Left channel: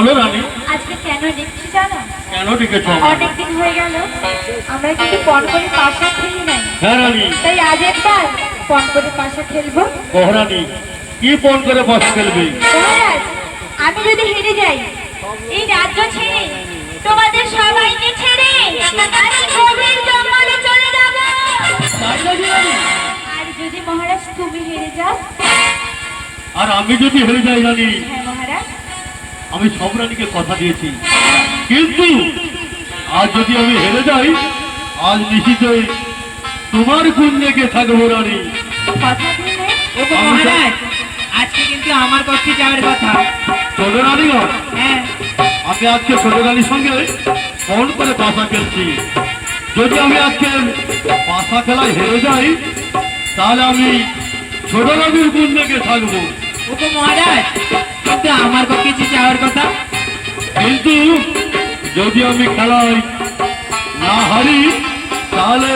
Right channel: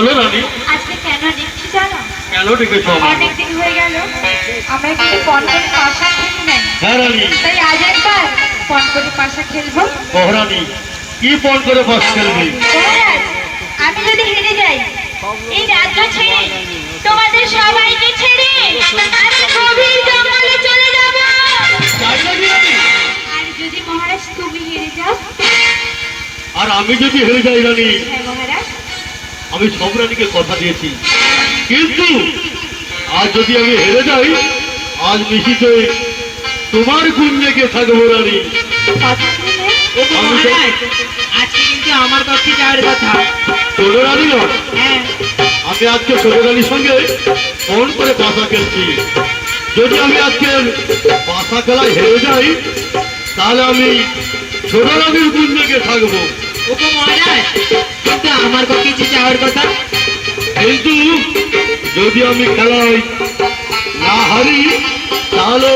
বলো রানী। আজকে কেন দেখছি জানো? কেন ডেকেছ? অনেক দিন হয়ে গেল আমরা কিন্তু পণ করে পাশা খেলি নাই। হ্যাঁ রানী। তাই আজ একবার পণ করে পাশা খেলবো। রানী কি পণ করে বস খেলবি? মহারাজ, আমি যদি হেরে যাই এই রাজ্য ছেড়ে তোমাদের সবাইকে ছেড়ে আমি গভীর জঙ্গলে চলে যাব। তাই নাকি রানী? আর যদি মহারাজ তুমি হেরে যাও? আর আমি যদি হেরে যাই রানী, হ্যাঁ মহারাজ। আমি সব রানীকে কথা দিয়েছি, কিন্তু আজ যদি আমি হেরে যাই, আজ নিশ্চিত তোমার কুঞ্জে গিয়ে থাকবো রানী। কথা দিলে ওগো মহারাজ, আজকে কিন্তু আমার পক্ষে যাওয়ার কথা। ছোট রানী নয়, হ্যাঁ, আমি আজকে ছোট রানীর সঙ্গে ফোন করে পাশা খেলছি। যদি আমি আজকে পাশা খেলায় হেরে যাই, তাহলে আমি ছোট রানীর কুঞ্জে গিয়ে থাকবো। ওগো মহারাজ, কিন্তু আমার পক্ষে যে যাওয়ার কথা। কিন্তু যদি আমি খেলায় না হারি, তাহলে